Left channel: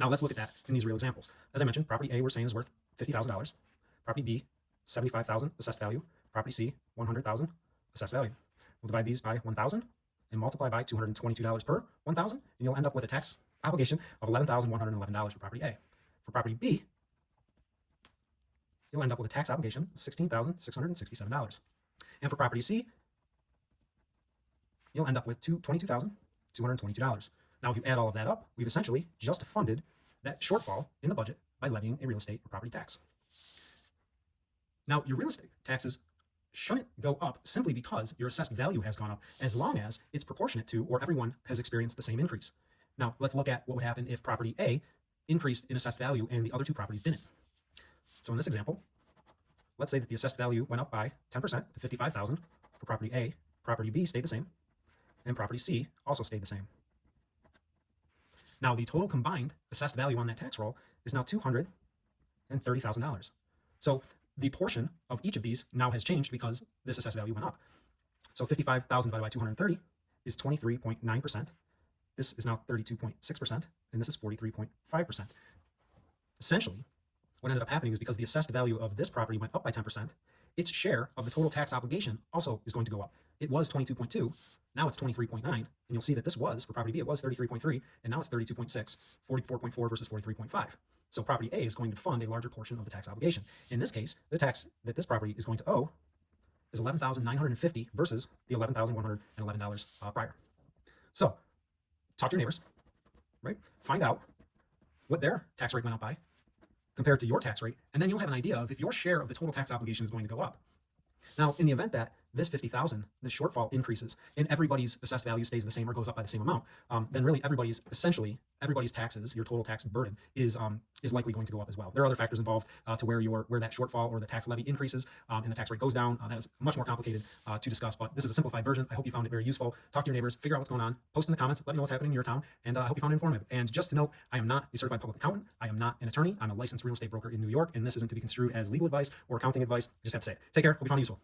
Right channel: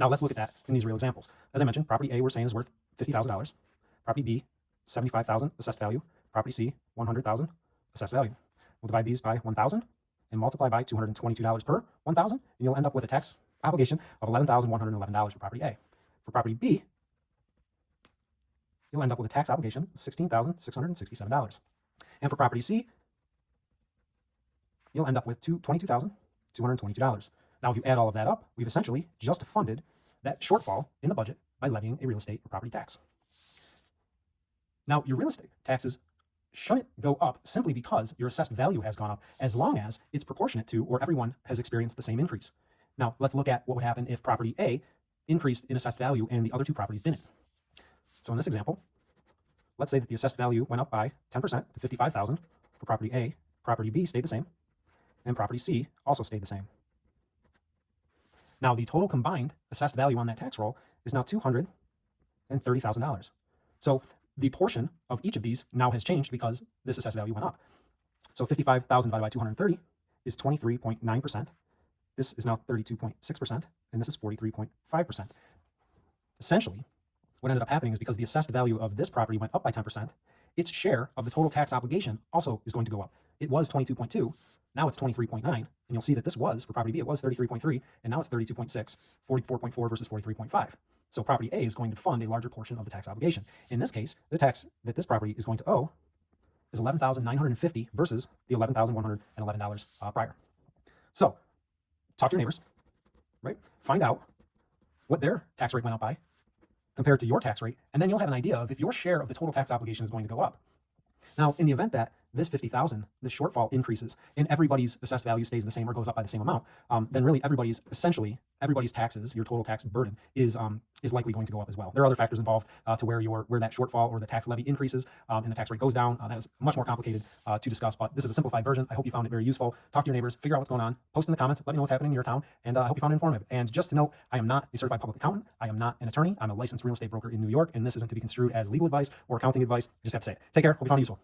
Now let's look at that in these real examples. As I mentioned, property A we're saying is worth $50,000. Property B, $75,000 assessed value. Property C, $100,000 assessed value. We'll divide these by 1,000 and multiply by $222 per 1,000, and you'll end up with a tax obligation of $11,111 for property A. For property B, you'll end up with a tax obligation of $16,667. And for property C, you'll end up with $22,222. Now, if you add all of that up, we've essentially just funded that shortfall in the budget by levying a real estate or property tax. Now, your real estate taxes shouldn't go up simply because your assessed value has gone up, as long as it's proportionate to or everyone has experienced the same increase. Now, let's look at what would happen if property A increased in assessed value and the other two properties didn't. So in this example, let's say that the assessed value went up by 10% to $55,000 for property A. Property B stayed the same, and property C also stayed the same. Now, the total combined assessed value on that tax roll is now $230,000. So the portion of each of these now has changed because this assessed value went up. So 55,000 divided by 230 is 23.9%. This is now 32.6%, and this is 43.5%. Essentially, what ended up happening is because the assessed value of this property went up by 10%, its share of the total tax obligation also is going to go up. It was 22.2, now it's 23.9, and you'll see that this was, for property B, it was 33.3, and now it's 32.6, 44.4 versus 43.5. So property A is going to fund a larger portion of the tax obligation. In this case, the tax that this property is going to owe is $11,950 versus the $11,111 prior. So talk to your neighbors, right? Find out what their tax rate went up by compared to your tax rate, and then you'll have an idea of if your share of the total tax obligation is going to go up. Now, in the event that this 50,000, this shortfall increases, and everybody's assessed value stays the same or goes up by the same amount, then really everybody's taxes, your total tax burden is likely going to go up as well. There are other factors involved to where that shortfall or the tax levy increases and the tax rate goes down. That is much more complicated to discuss, but this is a simplified version. I hope you found it very useful. Talk to your neighbors, figure out what's going on, post in the comments, let me know what's happening in your town, and I hope you found it informative. And just to note, I am not a certified public accountant. I am not an attorney. I'm a licensed real estate broker in New York, and this isn't to be construed as legal advice or accounting advice. Just have to say it. Take care. Hope you found it useful.